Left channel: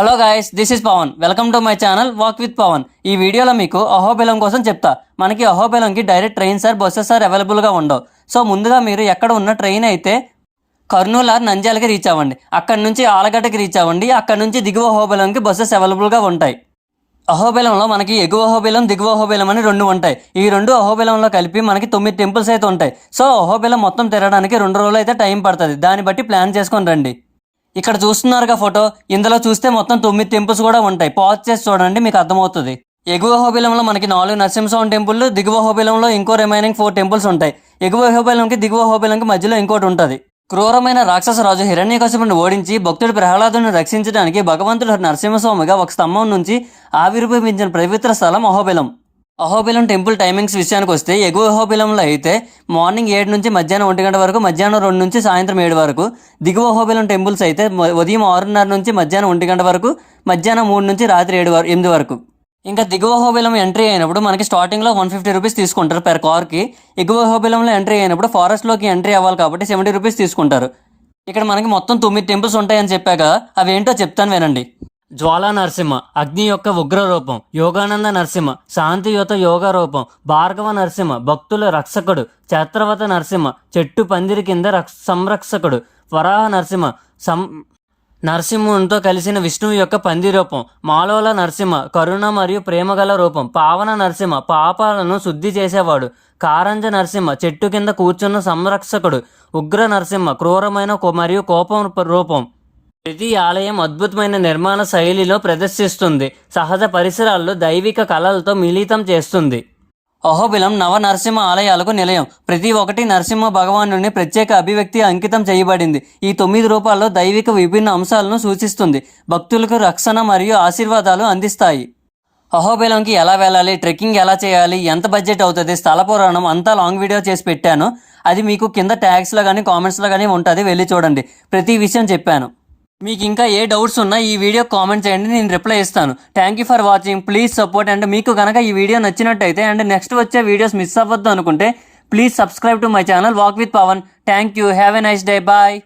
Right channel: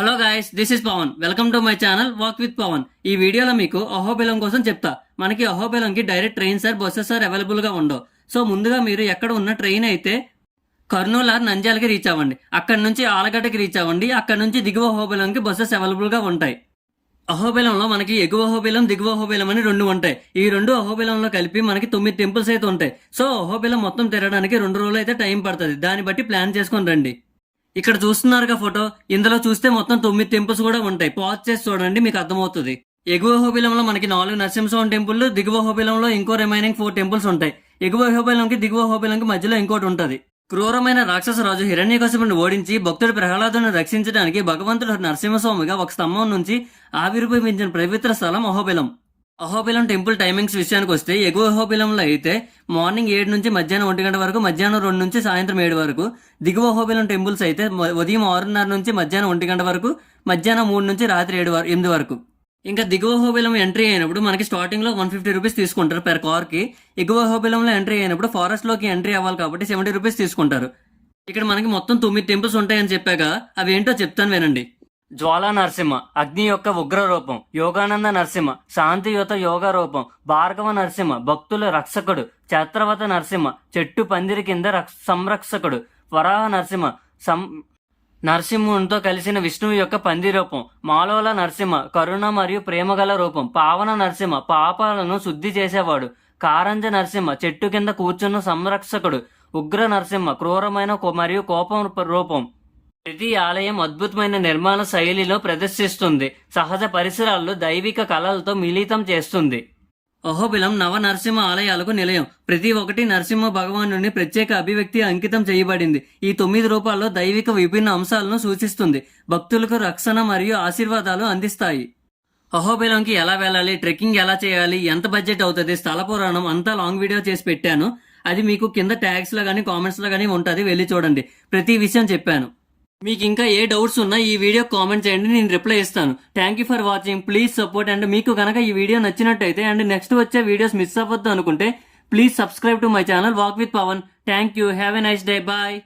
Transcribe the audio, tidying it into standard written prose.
Hello guys, this is Pavan. Welcome to my channel walk with Pavan. ఈ వీడియోలో మీకు అహోబిలం కోసం చెప్తా. మనకి అహోబిలంకి direct trains or buses or అవైలబుల్గా ఉండవు. సో ముందుగా మీరు ఎక్కడ ఉన్న ట్రైన్ అయితే కర్నూలు ఆర్ నంద్యాలకి రీచ్ అవ్వండి. అక్కడ నుంచి ఆలగడ్డకి రీచ్ అవ్వండి. అక్కడ నుంచి దిగువ అహోబిలంకి బస్సెస్ అవైలబుల్గా ఉంటాయి. అహోబిలంలో మనకి ఎగువ అహోబిలం, దిగువ అహోబిలం అని రెండు ఉంటాయి. ఈ రెండు అహోబిలంలో కలిపి మనకి 9 టెంపుల్స్ అయితే ఉంటాయి. సో అహోబిలం మొత్తం తిరగడానికి 2 రోజులు అయితే టైం పడుతుంది. దాన్ని బట్టి ప్లాన్ చేసుకొని రండి. ఇక్కడ చూస్తున్నారుగా ఫోటో, ఇందులో చూస్తే మొత్తం 9 టెంపుల్స్ కూడా ఉంటాయి. పాజ్ చేసి చూడండి, మీకు అర్థమవుతుంది. ఎగువ అహోబిలంలో మనకి 4 నరసింహస్వామి టెంపుల్, దిగువ అహోబిలంలో ఇంకో రిమైనింగ్ 4 టెంపుల్స్ ఉంటాయి. ఎగువ అహోబిలంకి దిగువ అహోబిలంకి మధ్యలో ఇంకోటి ఉంటుంది. క్రూరమైన రాక్షస రాజు హిరణ్యకశిపుని ఓడించి భక్తుడు ప్రహ్లాదుని రక్షించడానికి భగవంతుడు నరసింహస్వామిగా ఒక స్తంభం నుంచి ఆవిర్భవించిన పవిత్ర స్థలం అహోబిలం. అహోబిలం టెంపుల్ టైమింగ్స్ విషయానికి వస్తే ఎగువ అహోబిలంలో అయితే మార్నింగ్ 7 నుంచి మధ్యాహ్నం 1 గంట వరకు, మధ్యాహ్నం 2 నుంచి సాయంత్రం 7 వరకు. దిగువ అహోబిలం టెంపుల్స్ అయితే ఉదయం 6:30 నుంచి మధ్యాహ్నం 1 గంట వరకు, మధ్యాహ్నం 3 నుంచి రాత్రి 8 వరకు. ఇంకా దిగువ అహోబిలం ఎంట్రీ అయినప్పుడు మనకి స్టార్టింగ్లో 150 రూపీస్ తీసుకుంటారు పెర్ కార్కి. ఎగువ అహోబిలంలో ఎంట్రీ అయినప్పుడు ఫారెస్ట్లోకి ఎంట్రీ అవ్వాలి కాబట్టి 70 రూపీస్ తీసుకుంటారు. ఇక్కడ మనకి మొత్తం 9 టెంపుల్స్ ఉంటాయని చెప్పాక అవి ఏంటో చెప్తాను వినండి. జ్వాలా నరసింహ అగ్ని యొక్క ఉగ్ర రూపం, యోగానంద నరసింహ శాంతియుత యోగ రూపం, భార్గవ నరసింహ భక్తుల రక్షకుడు, ఛత్రవత నరసింహ చెట్టు పందిరి కింద సంరక్షకుడు, వరాహ నరసింహ నరసింహునితో కలిసిన విష్ణువు యొక్క పంది రూపం, మాలోల నరసింహ కరుణ మరియు ప్రేమగల రూపం, పావన నరసింహ పాపాలను శుద్ధి చేసేవాడు, కారంజ నరసింహ చెట్టు కింద కూర్చున్న సంరక్షకుడు, ఉగ్ర నరసింహ క్రూరమైన మరియు కోపం రూపం. ప్రతి ఆలయం అద్భుతమైన నిర్మాణ శైలిలో ప్రదర్శిస్తుంది. సహజ పరిసరాల్లో దైవిక కళలతో మిళితం చేస్తుంది. అహోబిలం నవ నరసింహ ఆలయాలకు నిలయం. ప్రతి ఒక్కటి నరసింహ భగవానుని ప్రత్యేక అభివ్యక్తి అంకితం చేయబడింది. ఈ 9 రూపాల్లో దైవిక విభిన్న అంశాలను సూచిస్తుంది. భక్తులకు రక్షణ మరియు ఆశీర్వాదాలు అందిస్తాయి. అహోబిలంకి ఎలా వెళ్ళాలి, ట్రెక్కింగ్ ఎలా చేయాలి, ఎంత బడ్జెట్ అవుతుంది, స్థల పురాణం అంతా లాంగ్ వీడియో చేసి పెట్టాను. అది మీకు కింద ట్యాగ్స్లో కానీ కామెంట్స్లో కానీ ఉంటుంది, వెళ్ళి చూడండి. ప్రతి విషయం చెప్పాను. మీకు ఇంకా ఏ డౌట్స్ ఉన్నా ఈ వీడియో కామెంట్ చేయండి, నేను రిప్లై ఇస్తాను. Thank you for watching, please support. And మీకు కనుక ఈ వీడియో నచ్చినట్టయితే అండ్ నెక్స్ట్ వచ్చే వీడియోస్ మిస్ అవ్వద్దు అనుకుంటే please subscribe to my channel walk with Pavan. Thank you, have a nice day, bye.